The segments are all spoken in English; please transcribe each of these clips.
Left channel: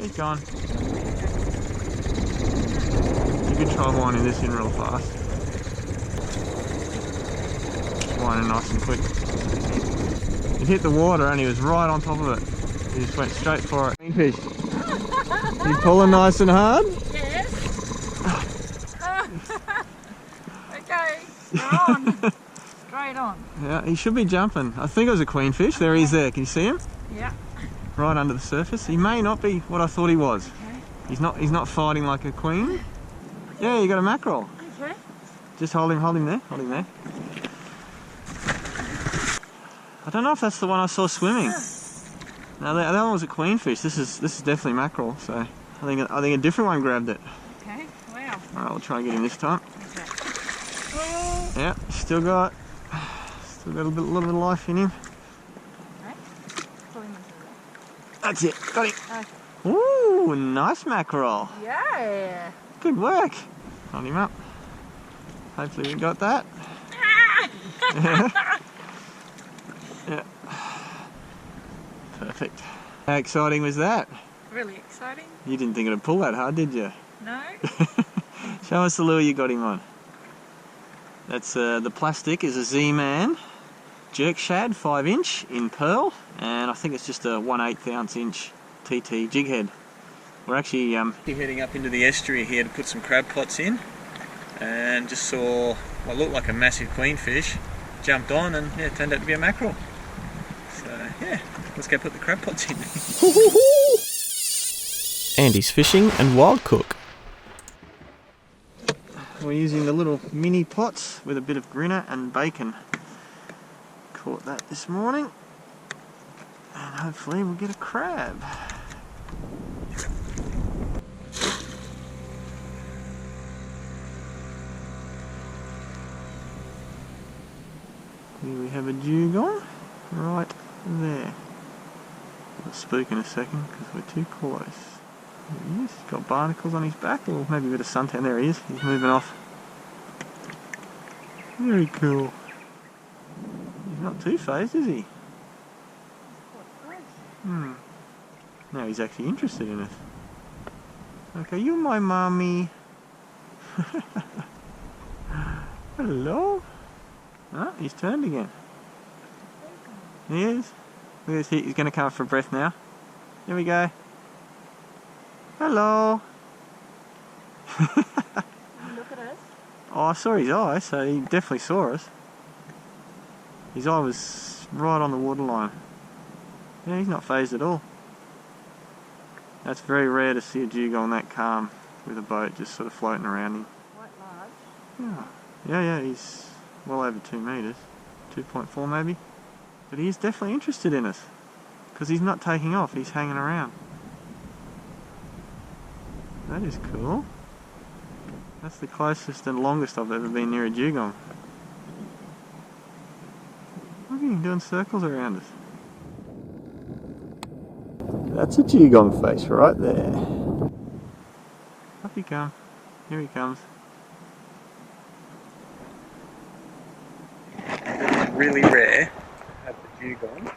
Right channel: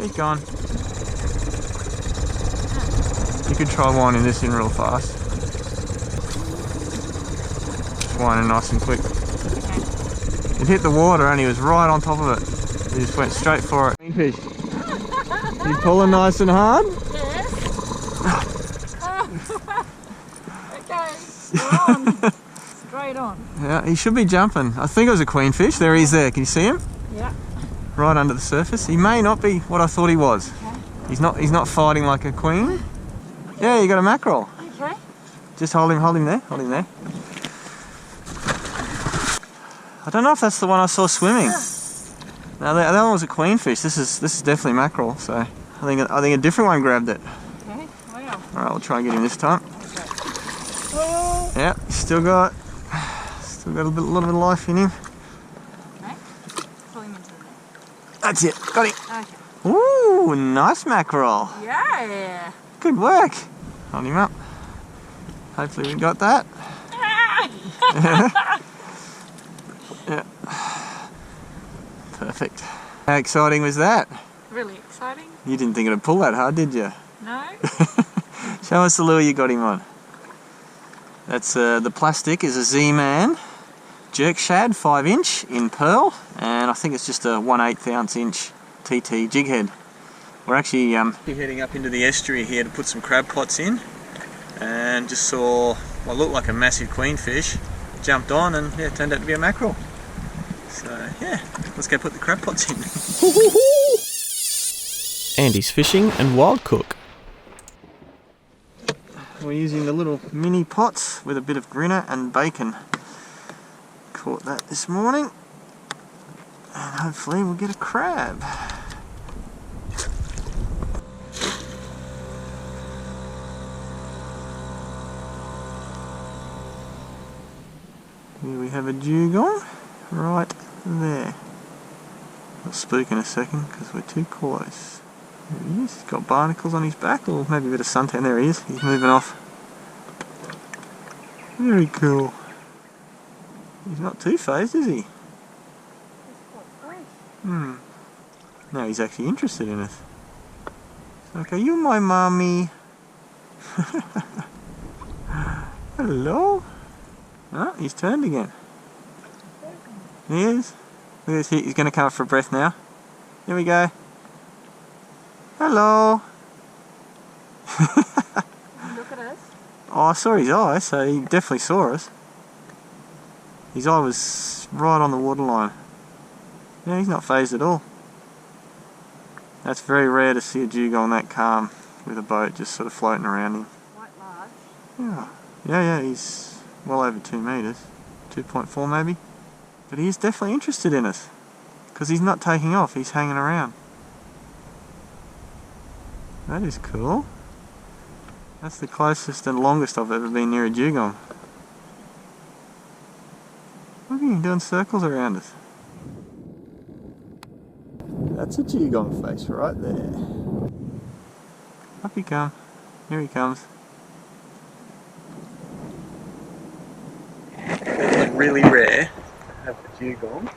Keep going. You could try winding this in real fast. Winding nice and quick. It hit the water and he was right on top of it. He just went straight for it. Queenfish. You pulling nice and hard? Yes. Okay, we're on. Straight on. Yeah, he should be jumping. I think it was a queenfish. There he is there. Can you see him? Yeah. Right under the surface. He may not be what I thought he was. Okay. He's not fighting like a queen. Yeah, you got a mackerel. Okay. Just hold him there. Hold him there. I don't know if that's the one I saw swimming. No, that one was a queenfish. This is definitely mackerel. So I think a different one grabbed it. Okay. Wow. All right, we'll try and get him this time. Okay. Oh. Yeah, still got a little bit of life in him. Okay. Pull him into there. That's it. Got him. Okay. Ooh, nice mackerel. Yeah. Good work. Hold him up. Hopefully we got that. Yeah. Perfect. How exciting was that? Really exciting. You didn't think it'd pull that hard, did you? No. Show us the lure you got him on. That's the plastic is a Z-Man jerk shad 5" in pearl, and I think it's just a 1/8 ounce inch TT jig head. We're actually heading up into the estuary here to put some crab pots in, and just saw what looked like a massive queenfish. Jumped on and yeah, it turned out to be a mackerel. So yeah, let's go put the crab pots in. Andy's fishing and wild cook. We're using the little mini pots with a bit of grinner and bacon. Caught that this morning, and hopefully we'll get a crab. Here we have a dugong right there. I'll spook in a second because we're too close. There he is. He's got barnacles on his back, or maybe a bit of suntan. There he is. He's moving off. Very cool. He's not too phased, is he? He's quite close. Now he's actually interested in us. Okay, you're my mommy. Hello. Oh, he's turned again. He is. Look at this, he's going to come up for breath now. Here we go. Hello. Look at us. Oh, I saw his eye, so he definitely saw us. His eye was right on the waterline. Yeah, he's not phased at all. That's very rare to see a dugong that calm with a boat just sort of floating around him. Quite large. Yeah, he's well over 2 meters. 2.4 maybe. But he is definitely interested in us. Because he's not taking off, he's hanging around. That is cool. That's the closest and longest I've ever been near a dugong. Look at him doing circles around us. That's a dugong face right there. Up he comes. Here he comes. It is really rare to have a dugong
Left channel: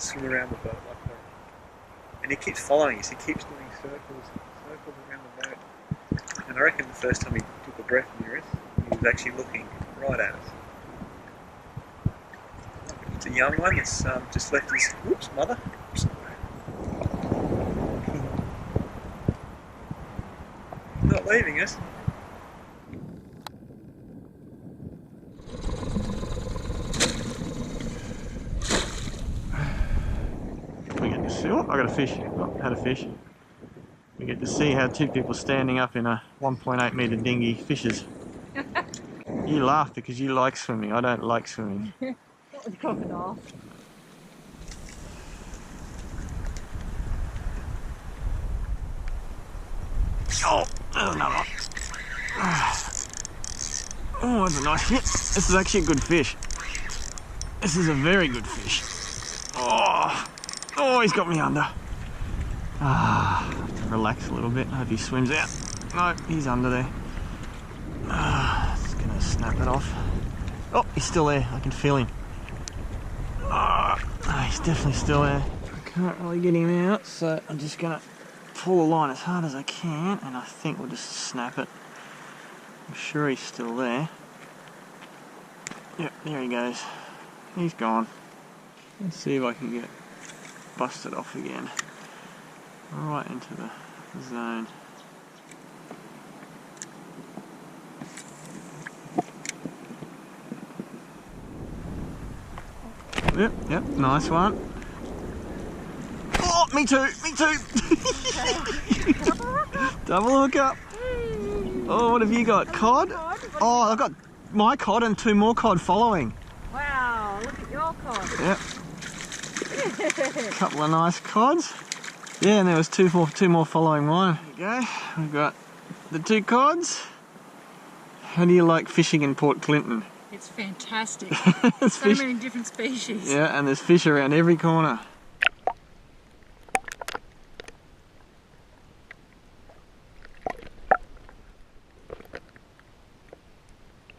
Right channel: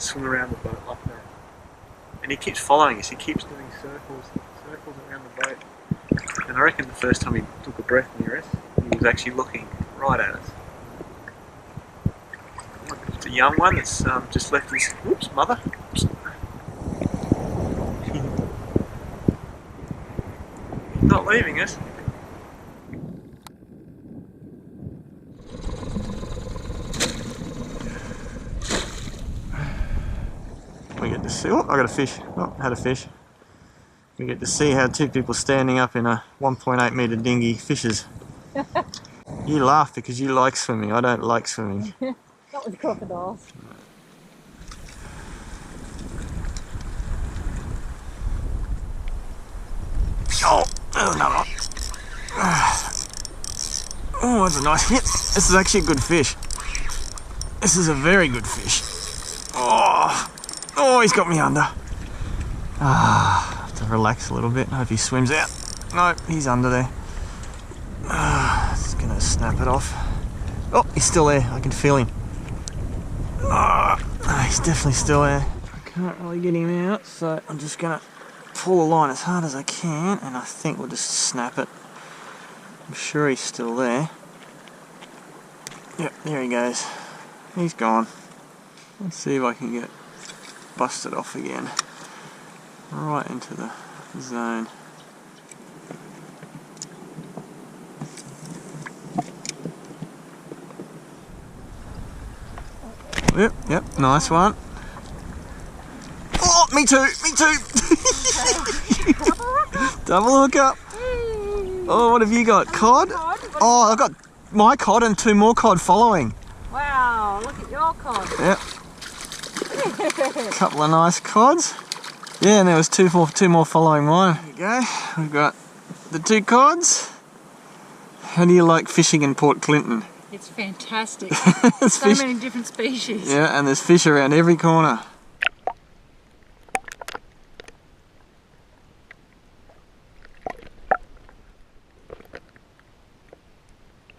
swim around the boat like that. And he keeps following us, he keeps doing circles around the boat. And I reckon the first time he took a breath near us, he was actually looking right at us. I wonder if it's a young one that's just left his mother. Oops. He's not leaving us. We get to see, oh, I got a fish. Oh, had a fish. We get to see how 2 people standing up in a 1.8 metre dinghy fishes. You laugh because you like swimming. I don't like swimming. Not with crocodiles. Oh, another one. Oh, that's a nice hit. This is actually a good fish. This is a very good fish. Oh, he's got me under. Have to relax a little bit. I hope he swims out. No, he's under there. Just gonna snap it off. Oh, he's still there. I can feel him. He's definitely still there. I can't really get him out, so I'm just gonna pull the line as hard as I can, and I think we'll just snap it. I'm sure he's still there. Yep, there he goes. He's gone. Let's see if I can get busted off again. Right into the zone. Yep, nice one. Oh, me too. Double hook up. Oh, what have you got? Cod? Oh, I've got my cod and 2 more cod following. Wow, look at your cod. Yep. Couple of nice cods. Yeah, and there was two more following mine. There you go. We've got the 2 cods. How do you like fishing in Port Clinton? It's fantastic. There's So many different species. Yeah, and there's fish around every corner.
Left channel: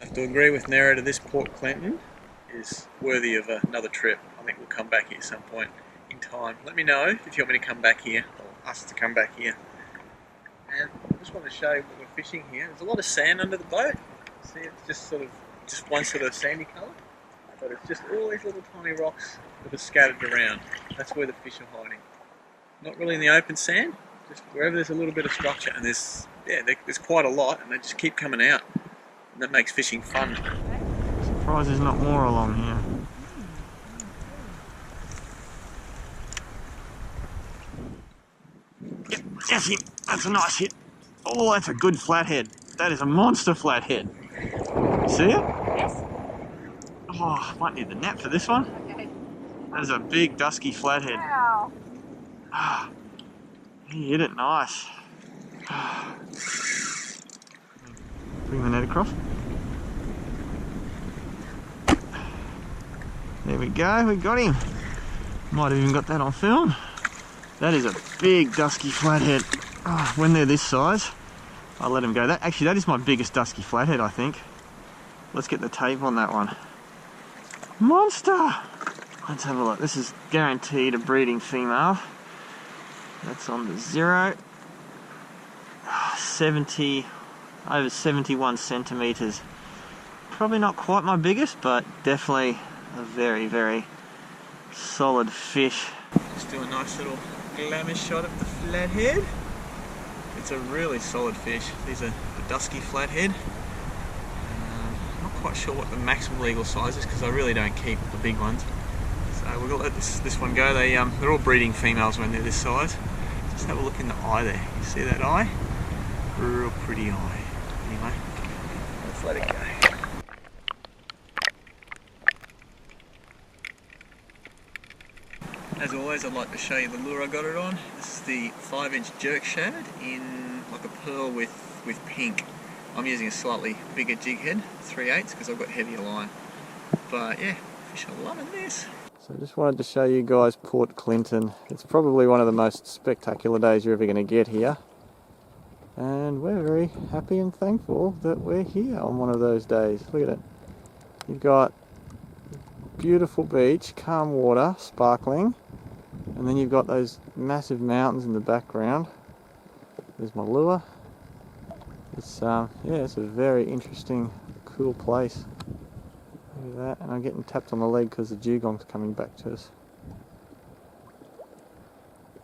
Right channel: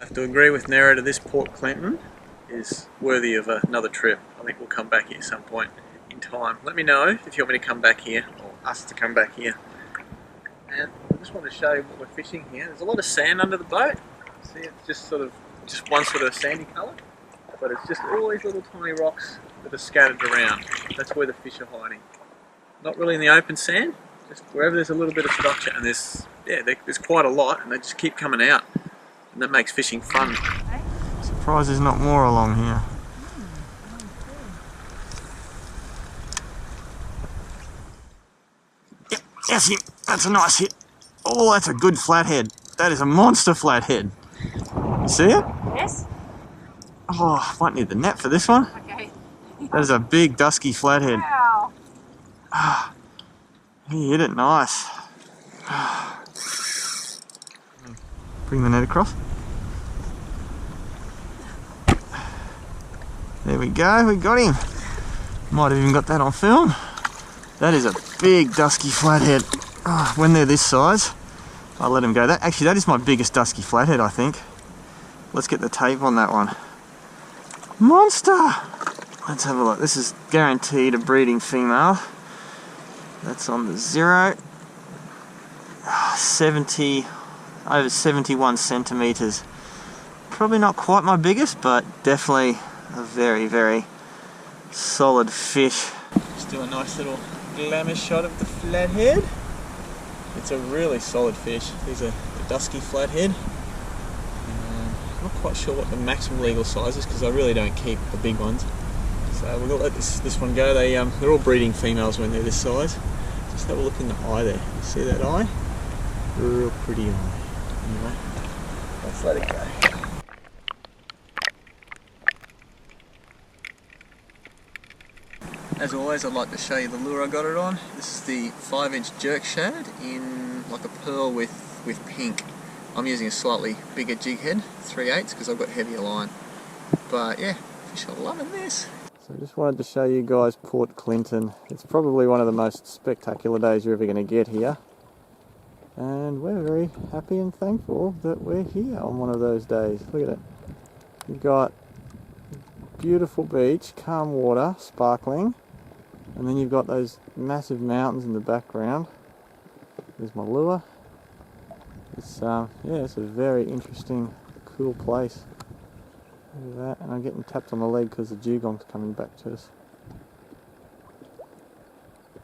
I have to agree with Narrator, this Port Clinton is worthy of another trip. I think we'll come back here some point in time. Let me know if you want me to come back here, or us to come back here. And I just want to show you what we're fishing here. There's a lot of sand under the boat. See, it's just one sort of sandy colour, but it's just all these little tiny rocks that are scattered around. That's where the fish are hiding. Not really in the open sand, just wherever there's a little bit of structure, and there's quite a lot, and they just keep coming out, and that makes fishing fun. Surprised there's not more along here. Yep, that's him. That's a nice hit. Oh, that's a good flathead. That is a monster flathead. You see it? Yes. Oh, might need the net for this one. Okay. That is a big dusky flathead. Wow. He hit it nice. Bring the net across. There we go, we got him. Might have even got that on film. That is a big dusky flathead. Oh, when they're this size, I'll let him go. That is my biggest dusky flathead, I think. Let's get the tape on that one. Monster! Let's have a look. This is guaranteed a breeding female. That's on the 0. 70, over 71 centimetres. Probably not quite my biggest, but definitely a very, very solid fish. Just do a nice little glamour shot of the flathead. It's a really solid fish. These are the dusky flathead. Not quite sure what the maximum legal size is because I really don't keep the big ones. So we'll let this one go. They're all breeding females when they're this size. Just have a look in the eye there. You see that eye? Real pretty eye. Anyway, let's let it go. As always, I'd like to show you the lure I got it on. This is the 5-inch jerk shad in like a pearl with pink. I'm using a slightly bigger jig head, 3/8, because I've got heavier line. But yeah, fish are loving this. So I just wanted to show you guys Port Clinton. It's probably one of the most spectacular days you're ever going to get here. And we're very happy and thankful that we're here on one of those days. Look at it. You've got beautiful beach, calm water, sparkling. And then you've got those massive mountains in the background. There's my lure. It's it's a very interesting, cool place. Look at that, and I'm getting tapped on the leg because the dugong's coming back to us.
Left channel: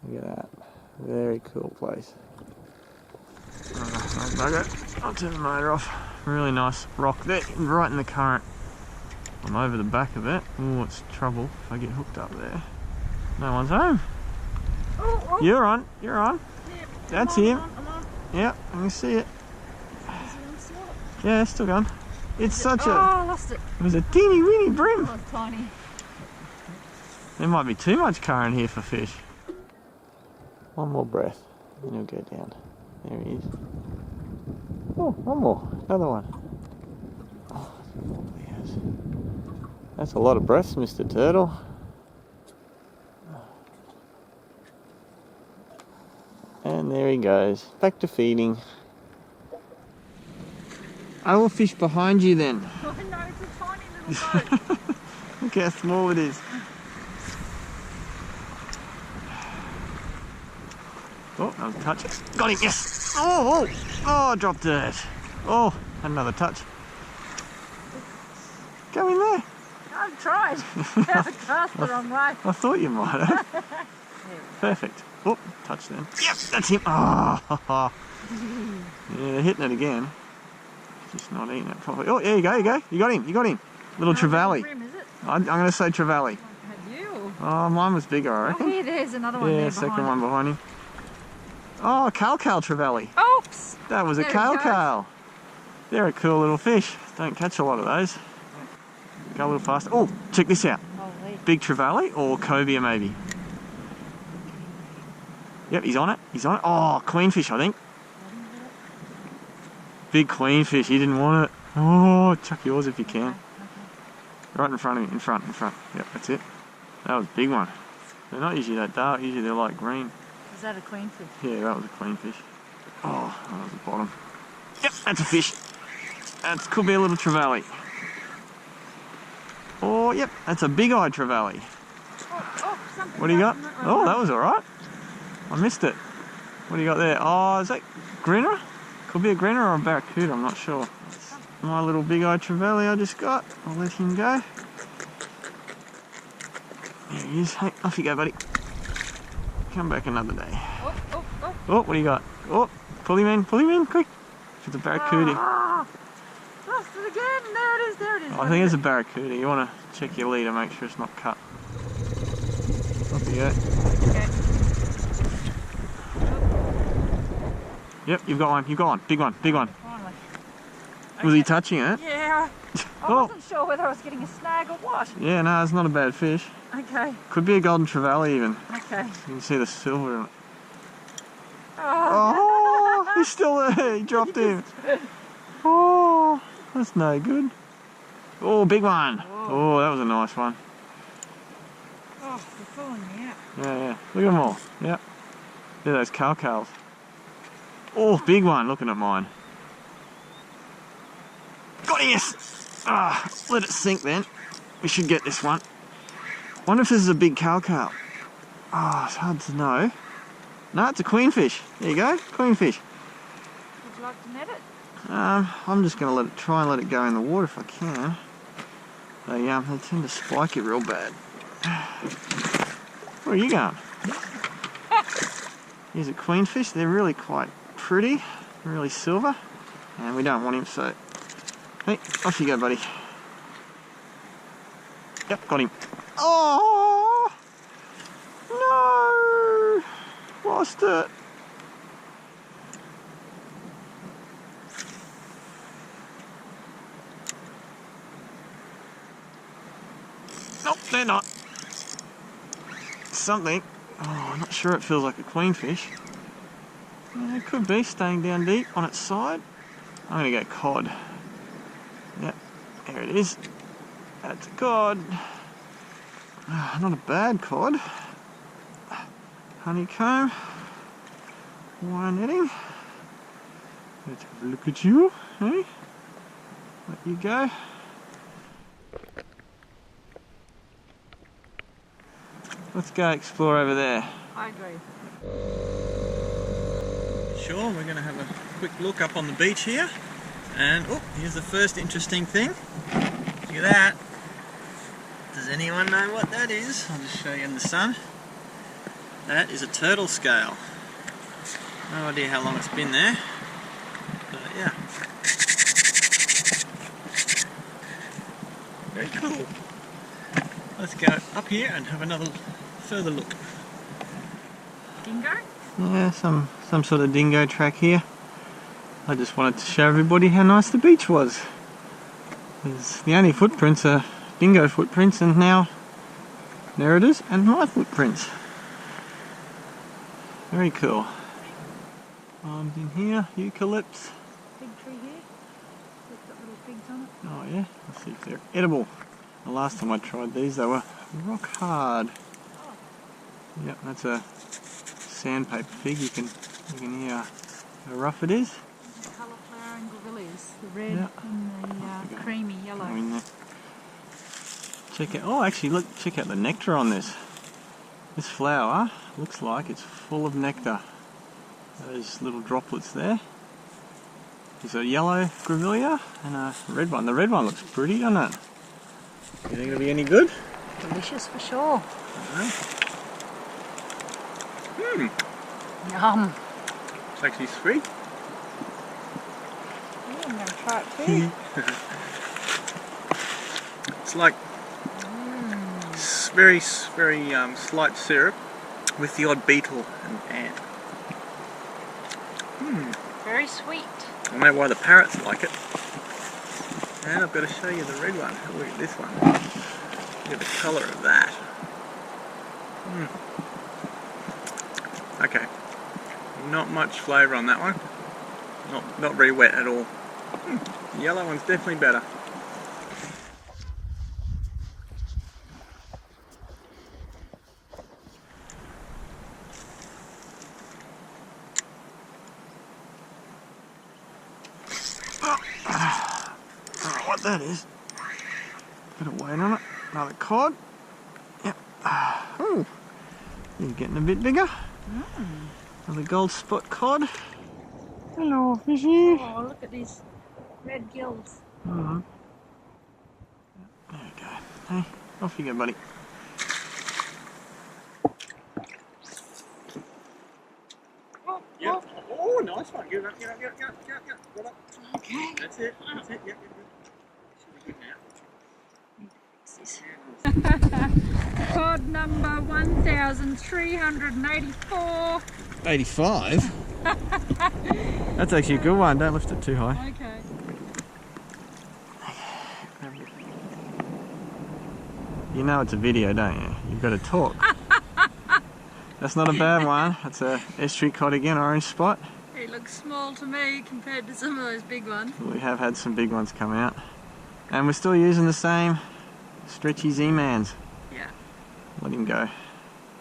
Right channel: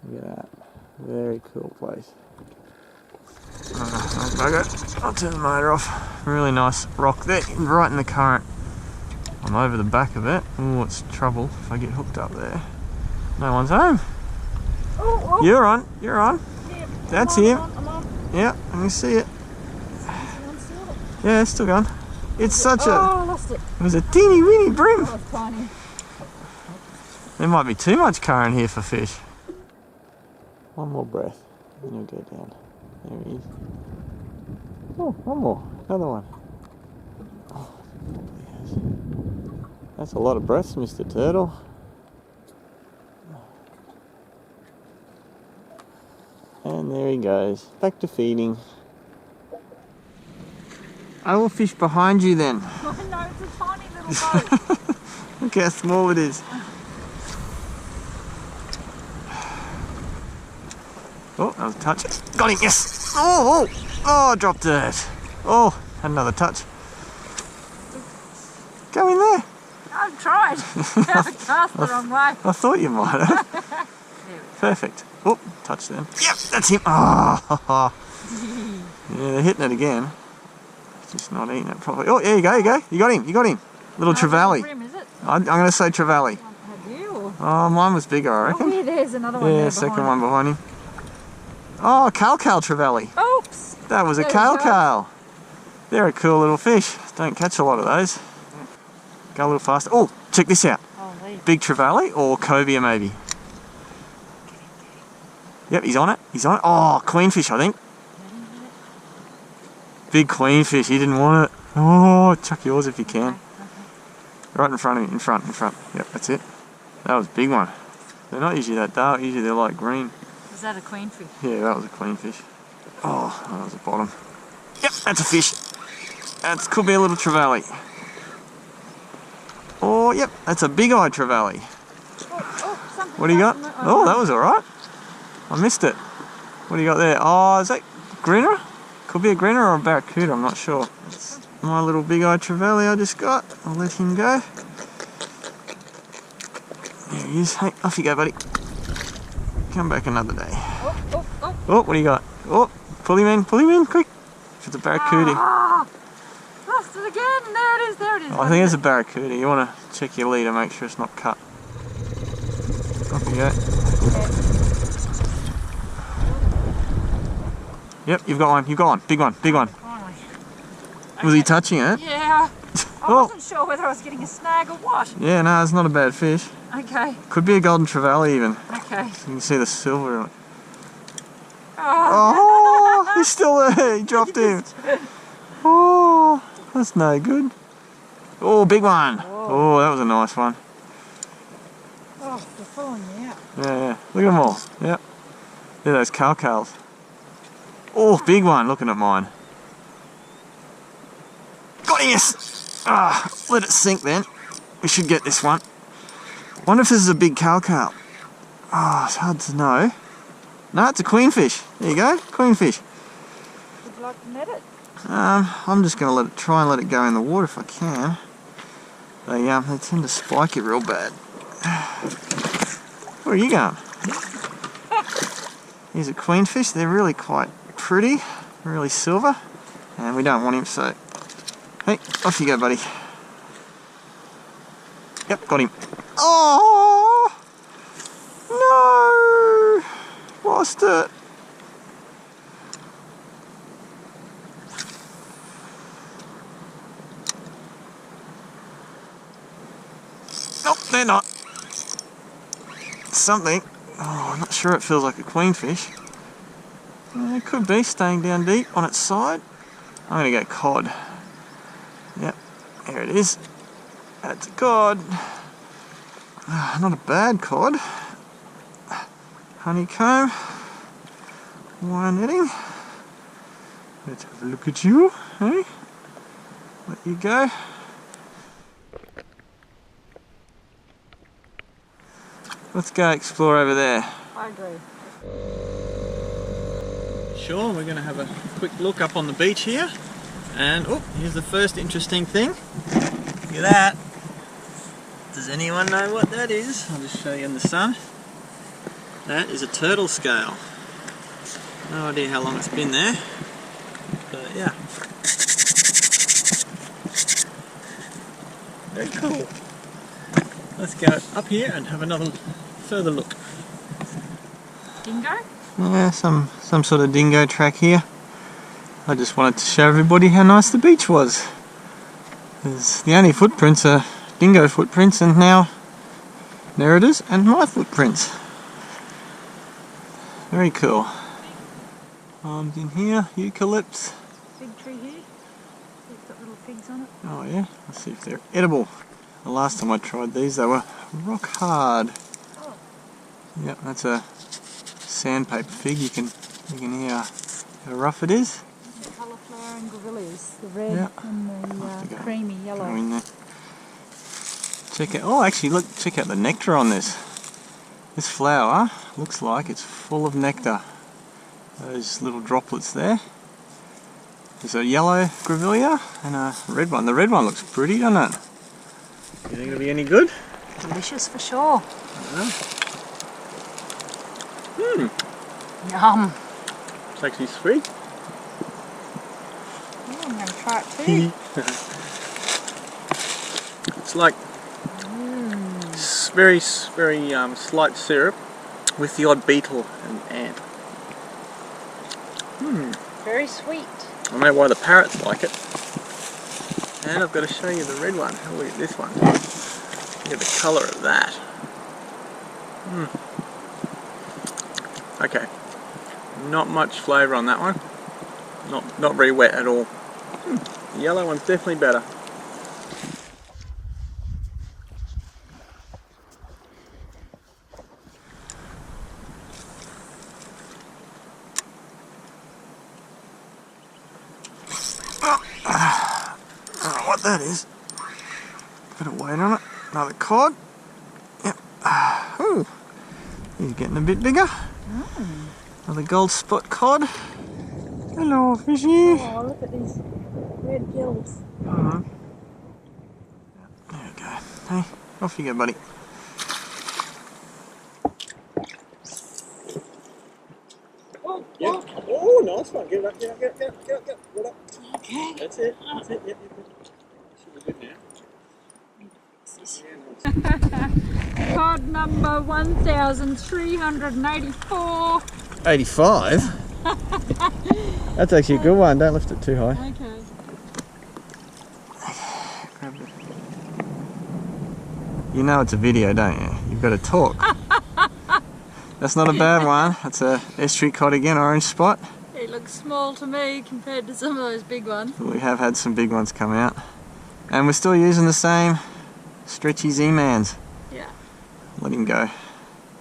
Look at that, very cool place. I'll turn the motor off. Really nice rock there, right in the current. I'm over the back of it. Oh, it's trouble if I get hooked up there. No one's home. Oh. You're on. Yep, That's him. I'm on. Yeah, let me see it. Still? Yeah, it's still gone. It's such Oh, I lost it. It was a teeny weeny brim. Oh, it's tiny. There might be too much current here for fish. One more breath, and you'll go down. There he is. Oh, one more. Another one. Oh, yes. That's a lot of breaths, Mr. Turtle. And there he goes. Back to feeding. I will fish behind you then. Oh no, it's a tiny little boat. Look how small it is. Oh, that was a touch. Got him, yes! Oh, I dropped it. Oh, had another touch. Go in there. I've tried. I cast the wrong way. I thought you might have. Perfect. Oh, touch them. Yep, that's him. Oh, yeah, they're hitting it again. Just not eating it properly. Oh, there you go, You got him. Little trevally. Rim, is it? I'm going to say trevally. Have you? Or? Oh, mine was bigger, I reckon. Oh, yeah, there's another one. Yeah, there second behind one behind him. Oh, Cal trevally. Oops. That was a There we go. cal. They're a cool little fish. Don't catch a lot of those. Go a little faster. Oh, check this out. Holy. Big trevally or cobia maybe. Yep, he's on it. Oh, queenfish, I think. Big queenfish. He didn't want it. Oh, chuck yours if you can. Okay. Right in front of you. In front. Yep, that's it. That was a big one. They're not usually that dark. Usually they're like green. Is that a queenfish? Yeah, that was a queenfish. Oh, that was the bottom. Yep, that's a fish. That could be a little trevally. Oh, yep, that's a big-eyed trevally. Something. What do you got? Oh, that was all right. I missed it. What do you got there? Oh, is that grinner? Could be a grinner or a barracuda, I'm not sure. That's my little big-eyed trevally I just got. I'll let him go. There he is. Hey, off you go, buddy. Come back another day. Oh, what do you got? Oh, pull him in, quick. It's a barracuda. Lost it again. There it is. Oh, I think it's a barracuda. You want to check your leader, make sure it's not cut. Off you go. Okay. Yep, you've got one. Big one. Finally. Was he touching it? Yeah. I wasn't sure whether I was getting a snag or what. Yeah, no, it's not a bad fish. Okay. Could be a golden trevally even. Okay. You can see the silver on it. Oh. Oh, he's still there. He dropped him. Oh, that's no good. Oh, big one. Whoa. Oh, that was a nice one. Oh, they're following me out. Yeah. Look at them all. Yep. They're those calcals. Oh, big one. Looking at mine. Got him, yes. Ah, let it sink then. We should get this one. Wonder if this is a big calcal. Oh, it's hard to know. No, it's a queenfish. There you go, queenfish. Would you like to net it? I'm just going to try and let it go in the water if I can. They tend to spike it real bad. Where are you going? Here's a queenfish. They're really quite pretty, really silver, and we don't want him, so hey, off you go, buddy. Yep, got him. Oh no, lost it. Nope, they're not. Something. Oh, I'm not sure it feels like a queenfish. It could be staying down deep on its side. I'm going to go cod. Yep, there it is. That's a cod. Not a bad cod. Honeycomb. Wire netting. Let's have a look at you. Hey? Let you go. Let's go explore over there. I agree. Sure, we're going to have a quick look up on the beach here. And, oh, here's the first interesting thing. Look at that. Does anyone know what that is? I'll just show you in the sun. That is a turtle scale. No idea how long it's been there. But, yeah. Very cool. Let's go up here and have another further look. Dingo? Yeah, some sort of dingo track here. I just wanted to show everybody how nice the beach was. The only footprints are dingo footprints, and now there it is, and my footprints. Very cool. Palms in here, eucalypts. Big tree here. It's got little figs on it. Oh yeah, let's see if they're edible. The last time I tried these, they were rock hard. Oh. Yep, that's a sandpaper fig. You can hear how rough it is. The cauliflower and grevilleas, the red Yep. and the creamy yellow. Go in there. Check out. Oh, actually, look! Check out the nectar on this. This flower looks like it's full of nectar. Those little droplets there. There's a yellow grevillea and a red one. The red one looks pretty, doesn't it? You think it'll be any good? Delicious for sure. Mmm. Yum. It's actually sweet. Oh, I'm going to try it too. It's like very slight syrup with the odd beetle and ant. Very sweet. I know why the parrots like it. And I've got to show you the red one. Have a look at this one. Look at the colour of that. Okay. Not much flavour on that one. Not very wet at all. The yellow one's definitely better. I don't know what that is. Bit of weight on it. Another cod. Yep. Ooh. He's getting a bit bigger. Another gold spot cod. Hello, fishy. Oh, look at these red gills. There we go. Hey, off you go, buddy. Oh, yep. Oh, nice one. Get it up, get up, get up, get up, get up, get up. Right up. Okay. That's it. That's it. Yep, yep, yep. Should be good now. Need to fix this. Yeah, nice. Cod number 1384. 85? That's actually a good one. Don't lift it too high. Okay. You know it's a video, don't you? You've got to talk. That's not a bad one. That's a estuary cod again, orange spot. It looks small to me compared to some of those big ones. We have had some big ones come out. And we're still using the same stretchy Z-mans. Yeah. Let him go.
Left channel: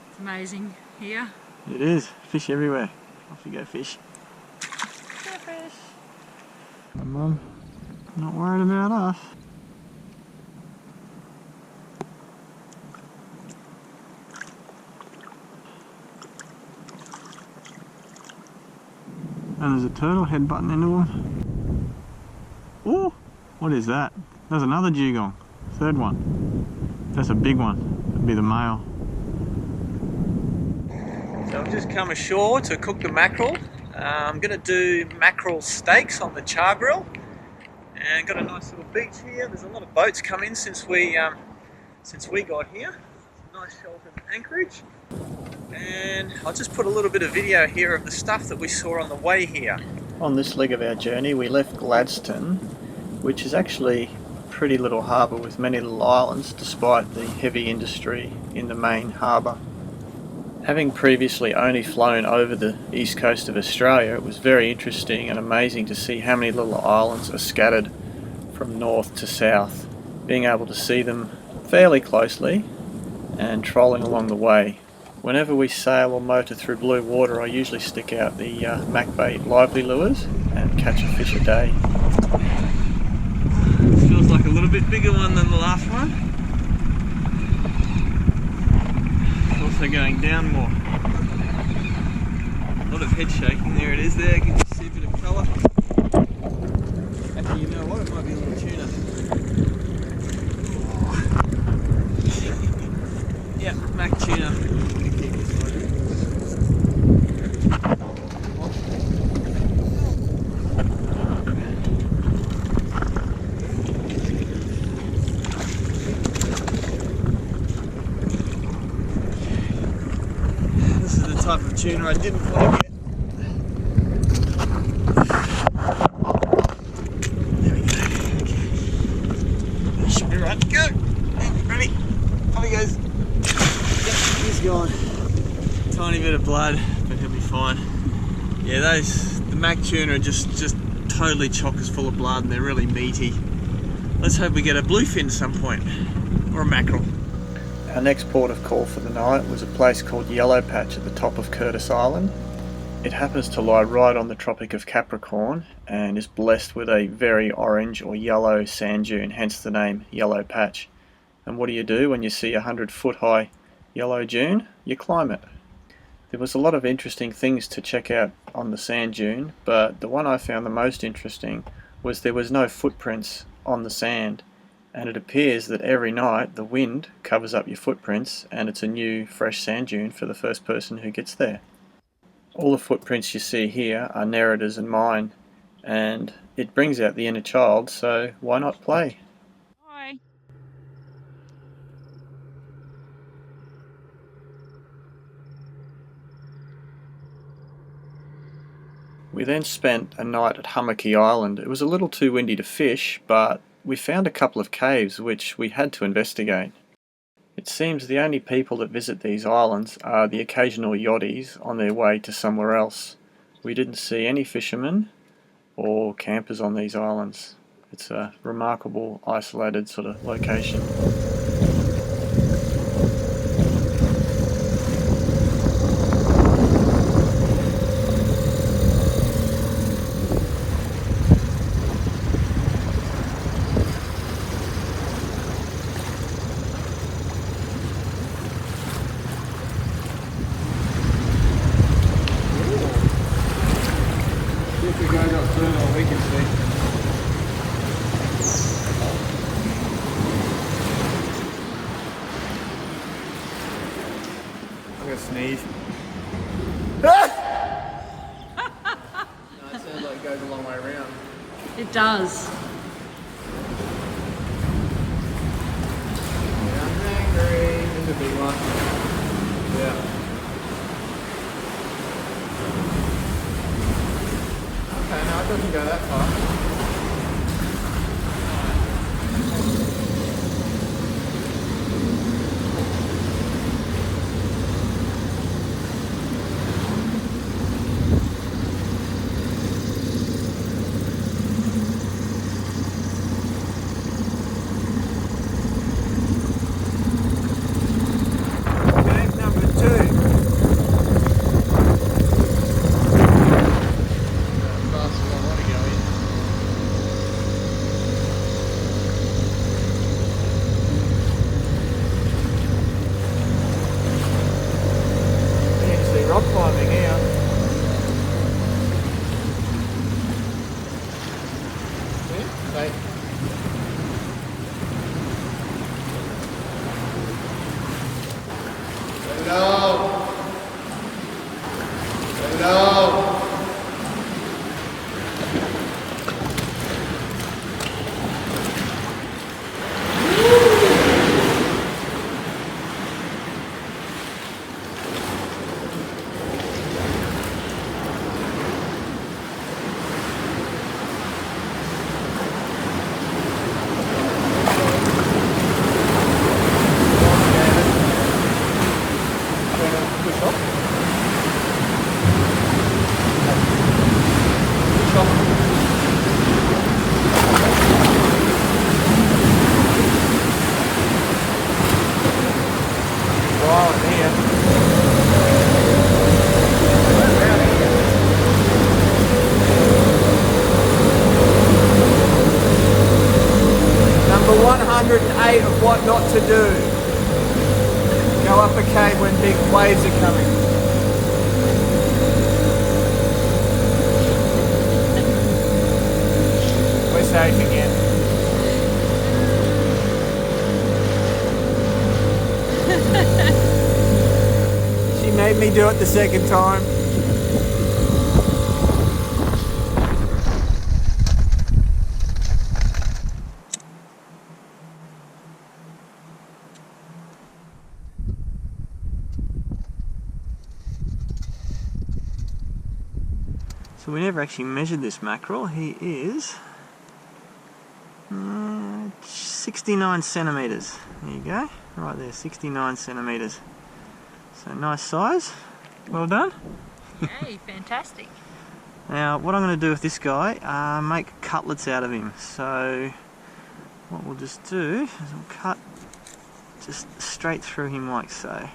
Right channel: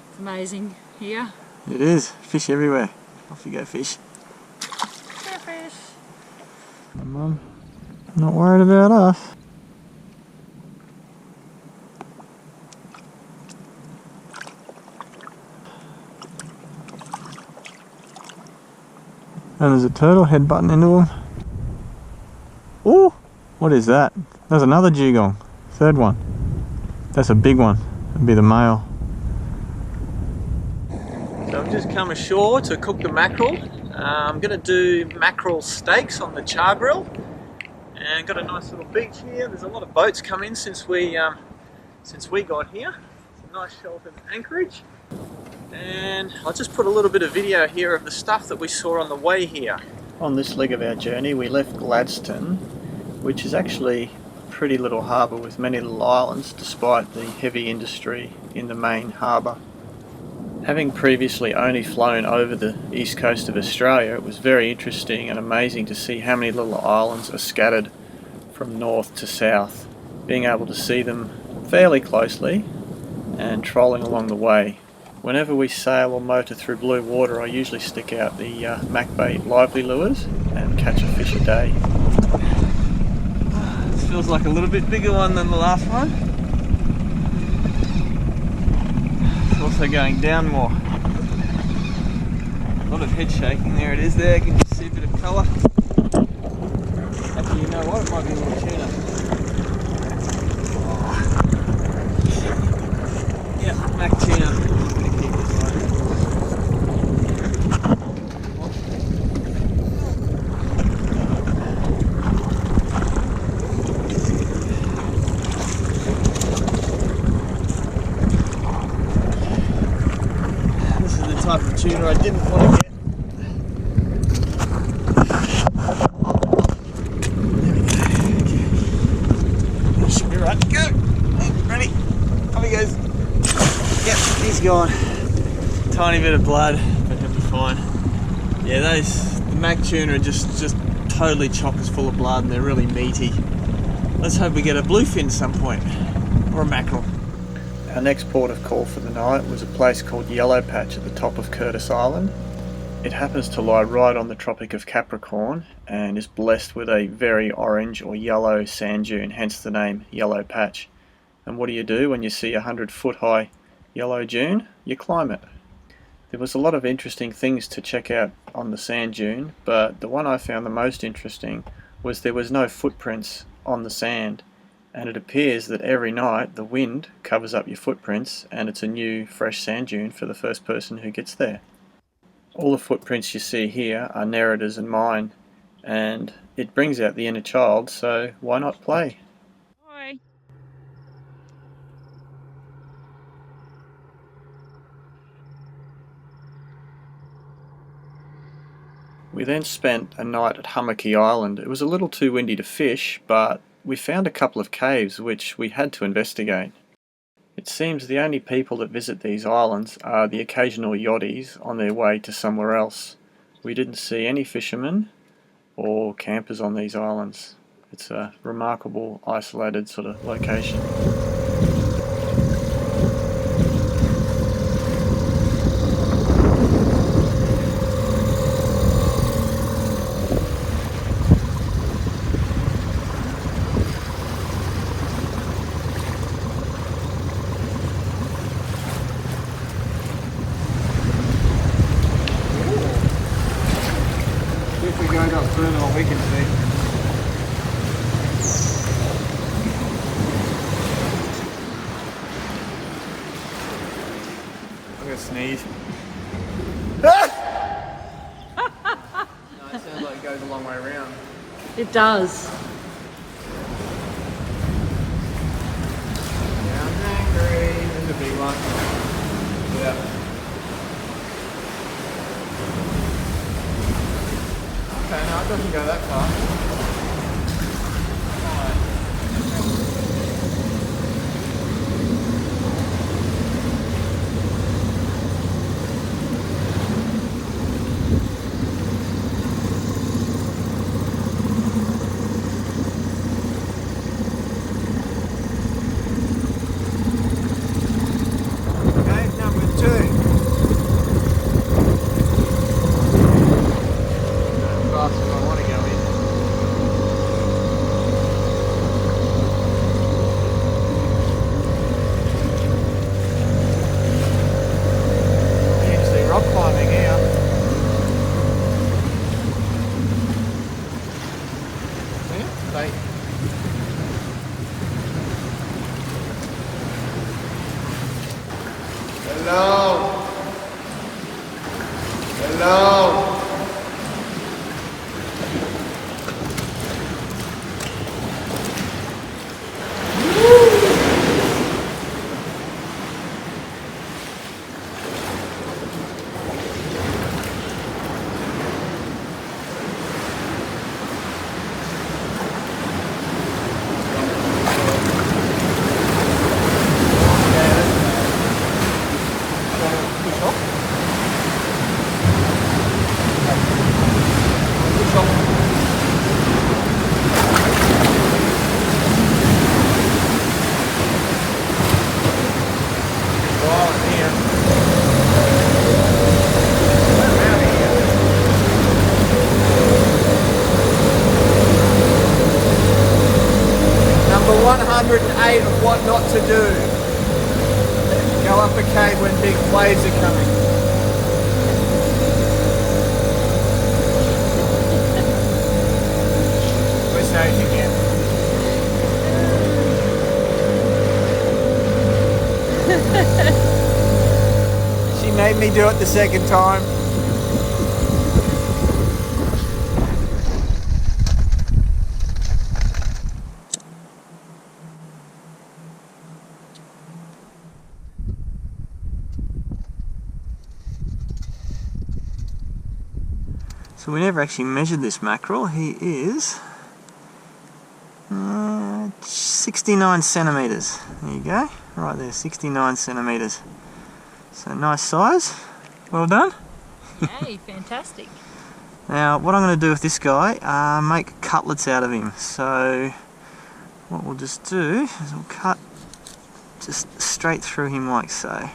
It's amazing here. It is. Fish everywhere. Off you go, fish. Yeah, fish. My mum, not worried about us. And there's a turtle head button into them. Ooh! What is that? There's another dugong. Third one. That's a big one. That'd be the male. So I've just come ashore to cook the mackerel. I'm going to do mackerel steaks on the char grill. And got a nice little beach here. There's a lot of boats come in since we got here. It's a nice sheltered anchorage. And I'll just put a little bit of video here of the stuff that we saw on the way here. On this leg of our journey we left Gladstone, which is actually a pretty little harbour with many little islands despite the heavy industry in the main harbour. Having previously only flown over the east coast of Australia, it was very interesting and amazing to see how many little islands are scattered from north to south. Being able to see them fairly closely and trolling along the way. Whenever we sail or motor through blue water, I usually stick out the Macbait lively lures and catch a fish a day. This feels like a little bit bigger one than the last one. It's also going down more. A lot of head shaking. There it is there. You can just see a bit of colour. Actually, you know what? It might be a little tuna. Oh. Yeah, mac tuna. This is the type of tuna I didn't want to get. There we go. Okay. That should be right. Go! Ready? Off he goes. Yep, he's gone. Tiny bit of blood, but he'll be fine. Yeah, the mac tuna are just totally chockers full of blood and they're really meaty. Let's hope we get a bluefin at some point, or a mackerel. Our next port of call for the night was a place called Yellow Patch at the top of Curtis Island. It happens to lie right on the Tropic of Capricorn and is blessed with a very orange or yellow sand dune, hence the name Yellow Patch. And what do you do when you see a 100-foot high yellow dune? You climb it. There was a lot of interesting things to check out on the sand dune, but the one I found the most interesting was there was no footprints on the sand, and it appears that every night the wind covers up your footprints and it's a new fresh sand dune for the first person who gets there. All the footprints you see here are Nerida's and mine, and it brings out the inner child, so why not play? Hi. We then spent a night at Hummocky Island. It was a little too windy to fish, but we found a couple of caves which we had to investigate. It seems the only people that visit these islands are the occasional yachties on their way to somewhere else. We didn't see any fishermen or campers on these islands. It's a remarkable isolated sort of location. I'm gonna sneeze. It does. Number 108 of what not to do. Go up a cave when big waves are coming. We're safe again. She made me do it the second time. So we never actually measured this mackerel. He is 69 centimetres. There you go, right there, 69 centimetres. So nice size, well done. Yay, fantastic. Now what I'm going to do with this guy, make cutlets out of him. So what we'll just do is we'll cut just straight through him like so.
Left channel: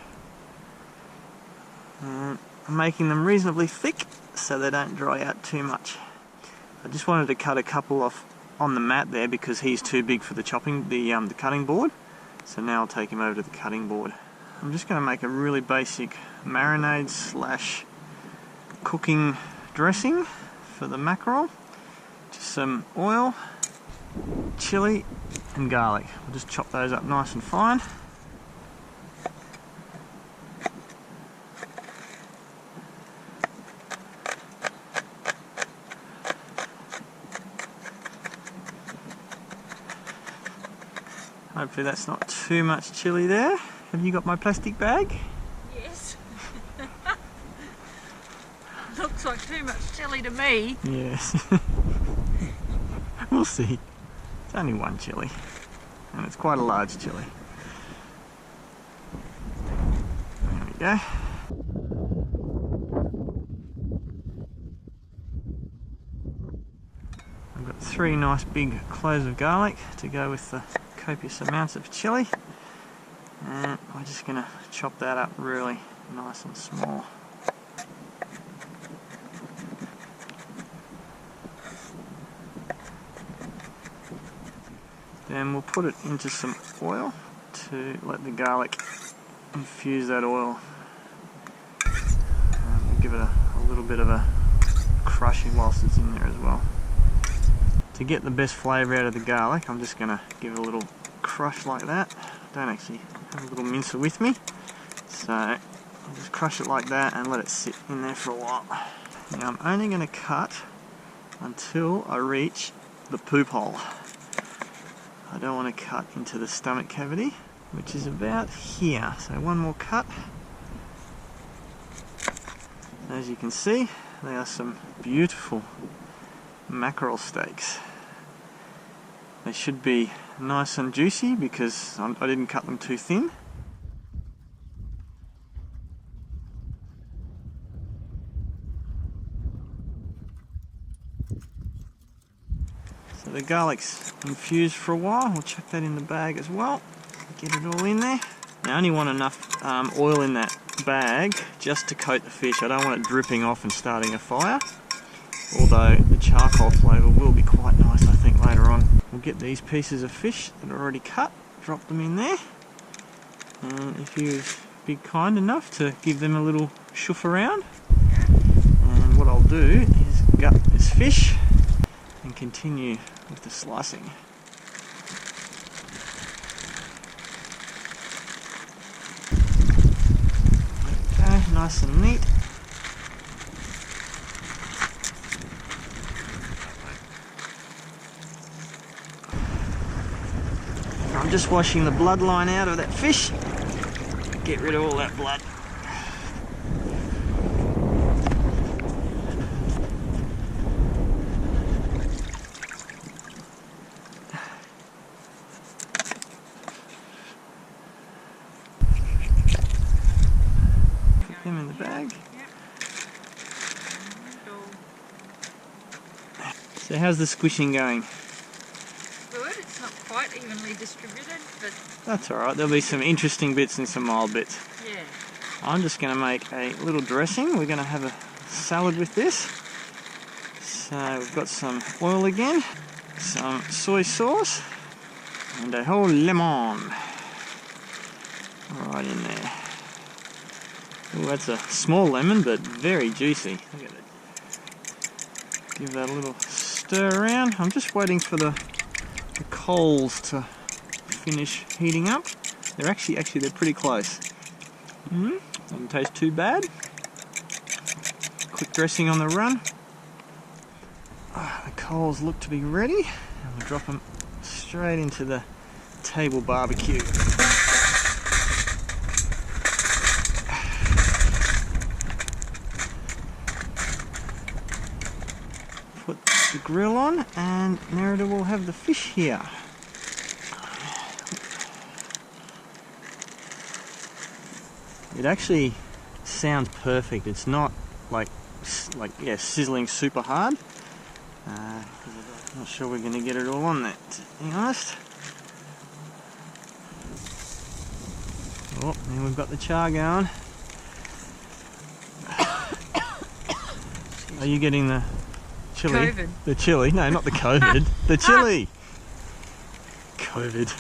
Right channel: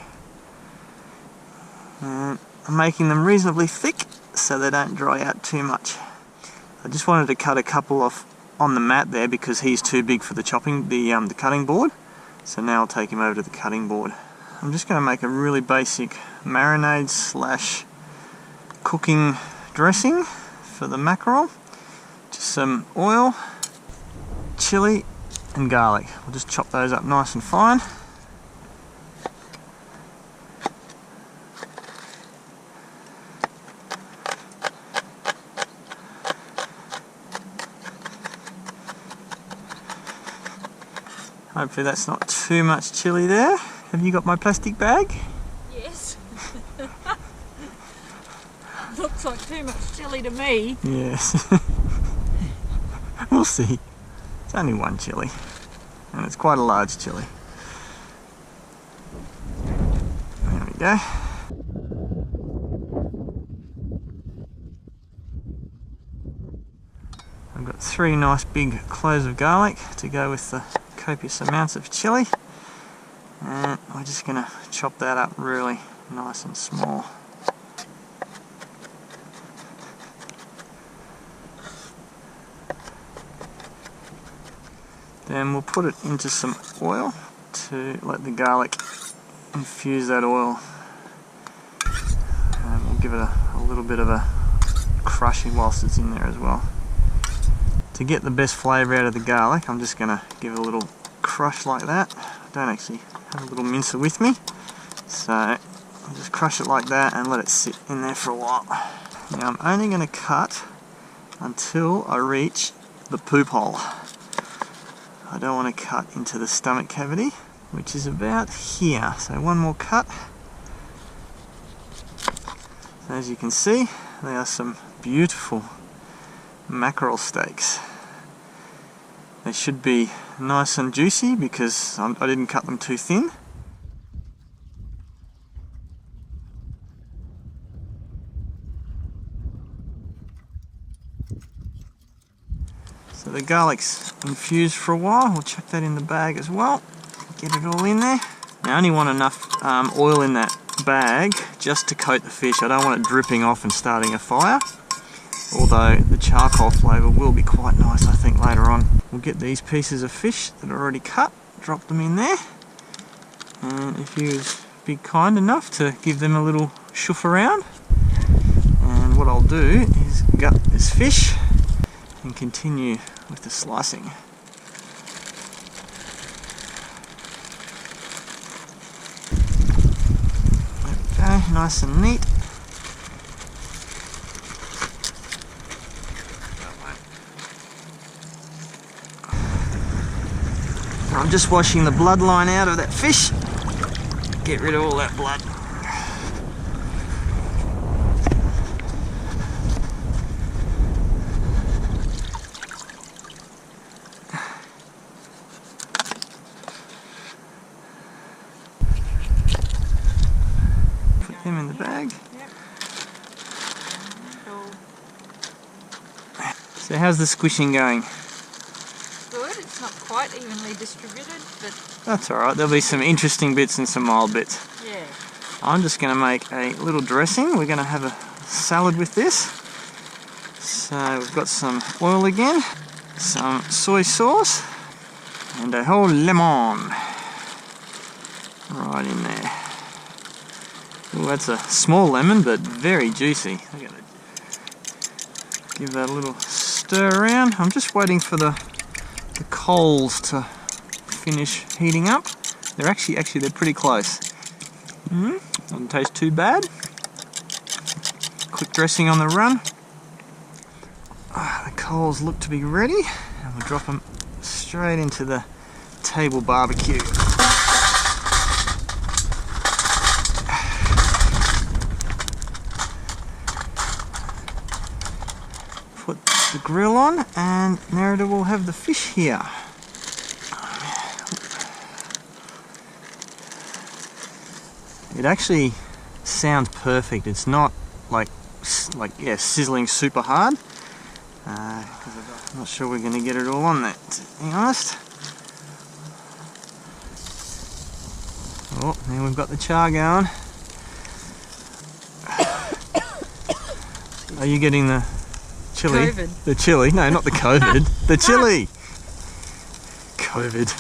And I'm making them reasonably thick so they don't dry out too much. I just wanted to cut a couple off on the mat there because he's too big for the cutting board. So now I'll take him over to the cutting board. I'm just going to make a really basic marinade slash cooking dressing for the mackerel. Just some oil, chili and garlic. We'll just chop those up nice and fine. Hopefully that's not too much chili there. Have you got my plastic bag? Yes. Looks like too much chili to me. Yes. We'll see. It's only one chili. And it's quite a large chili. There we go. I've got 3 nice big cloves of garlic to go with the copious amounts of chili, and we're just going to chop that up really nice and small. Then we'll put it into some oil to let the garlic infuse that oil, and we'll give it a little bit of a crushing whilst it's in there as well. To get the best flavour out of the garlic, I'm just going to give it a little crush like that. I don't actually have a little mincer with me, so I'll just crush it like that and let it sit in there for a while. Now I'm only going to cut until I reach the poop hole. I don't want to cut into the stomach cavity, which is about here. So one more cut. As you can see, they are some beautiful mackerel steaks. They should be nice and juicy because I didn't cut them too thin. So the garlic's infused for a while. We'll chuck that in the bag as well. Get it all in there. I only want enough oil in that bag just to coat the fish. I don't want it dripping off and starting a fire. Although the charcoal flavour will be quite nice, I think, later on. We'll get these pieces of fish that are already cut, drop them in there. And if you be kind enough to give them a little shoof around. And what I'll do is gut this fish and continue with the slicing. There we go, nice and neat. I'm just washing the bloodline out of that fish. Get rid of all that blood. Put them in the bag. Yep. So how's the squishing going? Good. It's not quite evenly distributed, but That's alright, there'll be some interesting bits and some mild bits. yeah. I'm just going to make a little dressing. We're going to have a salad with this. So we've got some oil again, some soy sauce, and a whole lemon right in there. Oh, that's a small lemon, but very juicy. Look at it. Give that a little stir around. I'm just waiting for the coals to finish heating up. They're actually they're pretty close. Doesn't taste too bad. Quick dressing on the run. The coals look to be ready, and we'll drop them straight into the table barbecue. Put the grill on, and Nerida will have the fish here. It actually sounds perfect. It's not like sizzling super hard. I'm not sure we're going to get it all on there, to be honest. Oh, now we've got the char going. Are you getting the chili? COVID. The chili? No, not the COVID. The chili! COVID.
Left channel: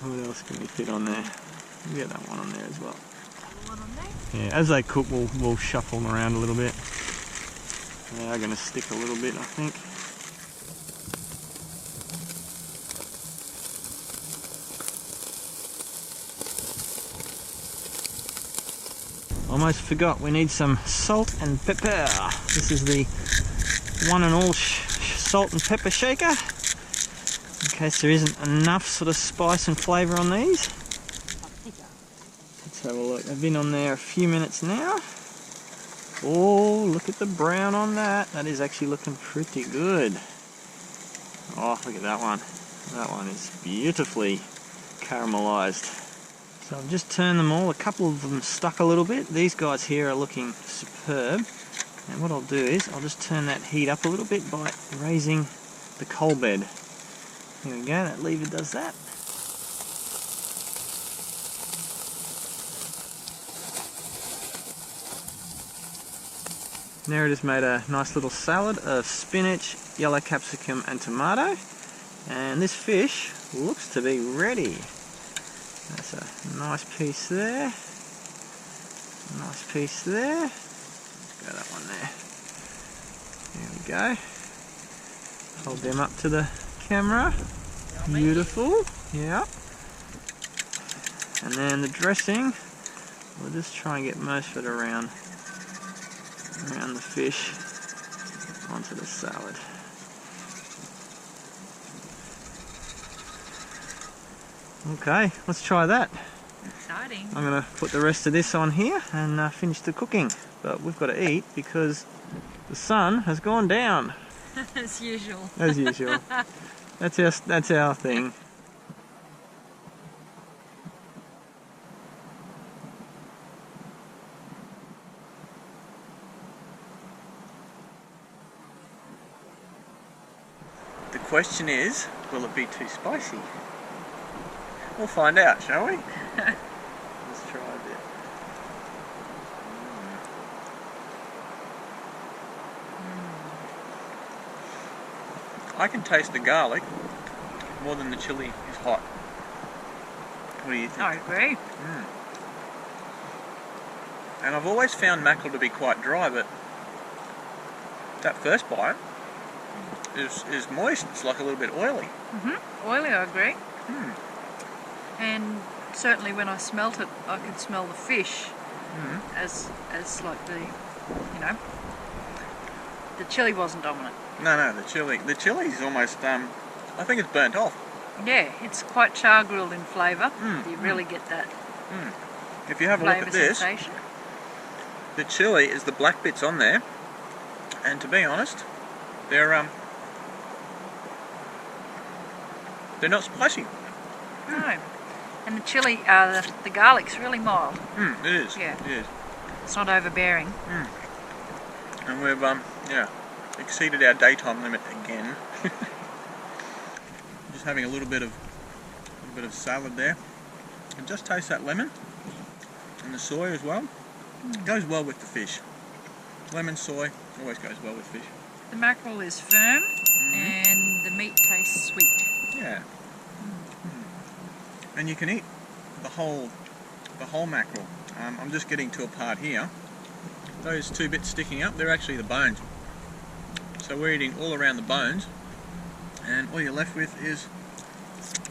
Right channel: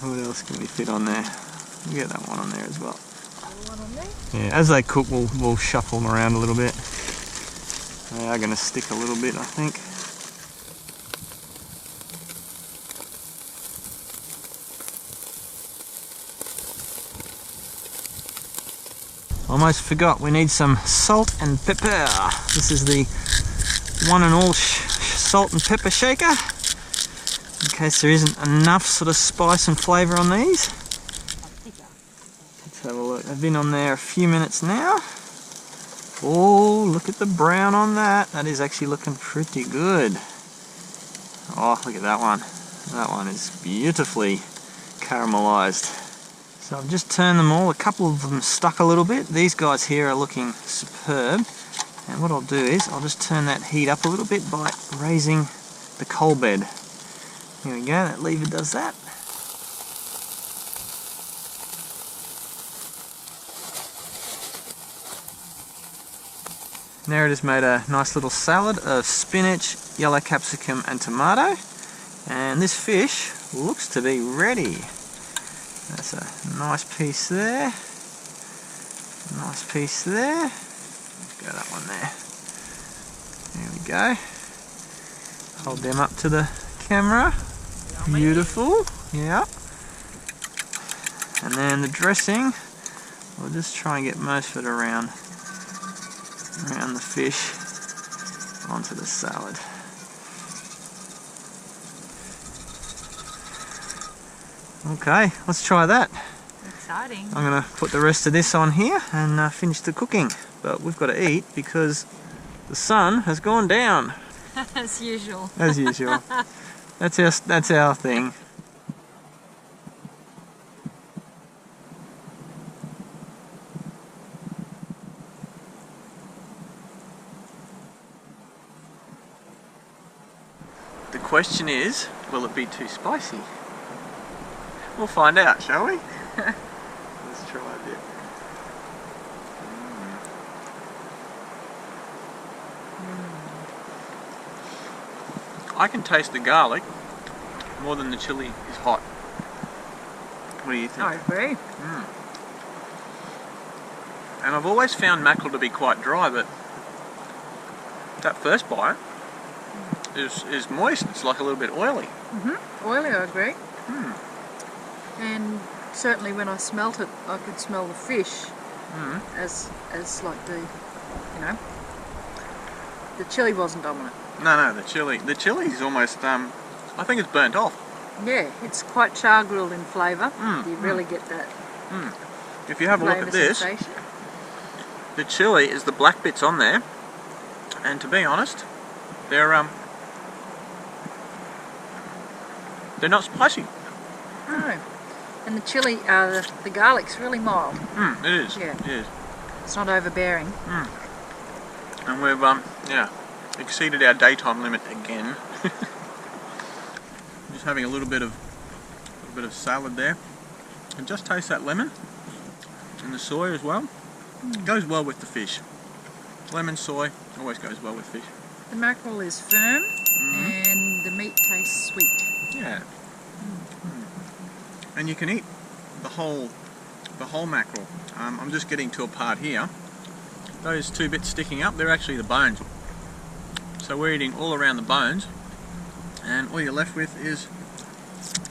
What else can we fit on there? We'll get that one on there as well. one on there. Yeah, as they cook, we'll shuffle them around a little bit. They are going to stick a little bit, I think. Almost forgot, we need some salt and pepper. This is the one and all salt and pepper shaker, in case there isn't enough sort of spice and flavour on these. Let's have a look. They've been on there a few minutes now. Oh, look at the brown on that. That is actually looking pretty good. Oh, look at that one. That one is beautifully caramelised. So I've just turned them all. A couple of them stuck a little bit. These guys here are looking superb. And what I'll do is I'll just turn that heat up a little bit by raising the coal bed. Here we go, that lever does that. There it has made a nice little salad of spinach, yellow capsicum and tomato. And this fish looks to be ready. That's a nice piece there. Nice piece there. Let's go that one there. There we go. Hold them up to the camera. Yummy. Beautiful. Yeah. And then the dressing, we'll just try and get most of it around the fish onto the salad. Okay, let's try that. Exciting. I'm going to put the rest of this on here and finish the cooking. But we've got to eat because the sun has gone down. As usual. As usual. That's our thing. The question is, will it be too spicy? We'll find out, shall we? Let's try a bit. I can taste the garlic more than the chili is hot. What do you think? I agree. And I've always found mackerel to be quite dry, but that first bite is moist. It's like a little bit oily. Oily, I agree. And certainly when I smelt it, I could smell the fish as like the, you know, the chili wasn't dominant. No, the chili is almost, I think it's burnt off. Yeah, it's quite char grilled in flavour. You really get that. If you have a look at this, sensation. The chili is the black bits on there, and to be honest, they're not spicy. No. And the chili, the garlic's really mild. It is. Yeah. It is. It's not overbearing. And we've exceeded our daytime limit again. Just having a little bit of salad there. And just taste that lemon and the soy as well. Goes well with the fish. Lemon, soy always goes well with fish. The mackerel is firm and the meat tastes sweet. Yeah. And you can eat the whole mackerel. I'm just getting to a part here. Those two bits sticking up, they're actually the bones. So we're eating all around the bones, and all you're left with is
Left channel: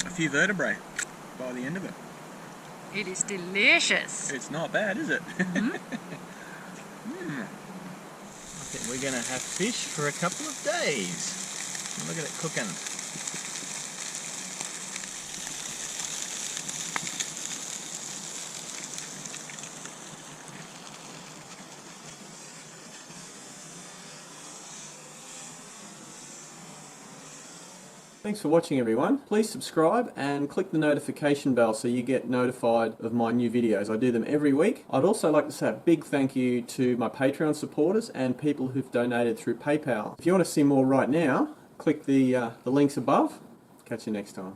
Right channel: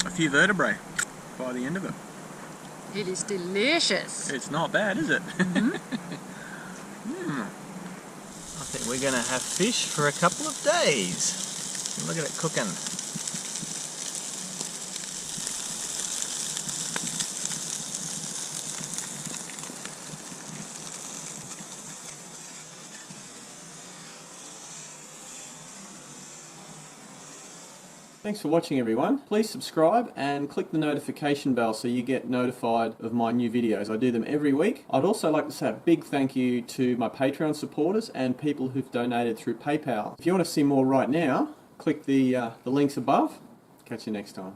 a few vertebrae by the end of it. It is delicious. It's not bad, is it? I think we're going to have fish for a couple of days. Look at it cooking. Thanks for watching, everyone. Please subscribe and click the notification bell so you get notified of my new videos. I do them every week. I'd also like to say a big thank you to my Patreon supporters and people who've donated through PayPal. If you want to see more right now, click the links above. Catch you next time.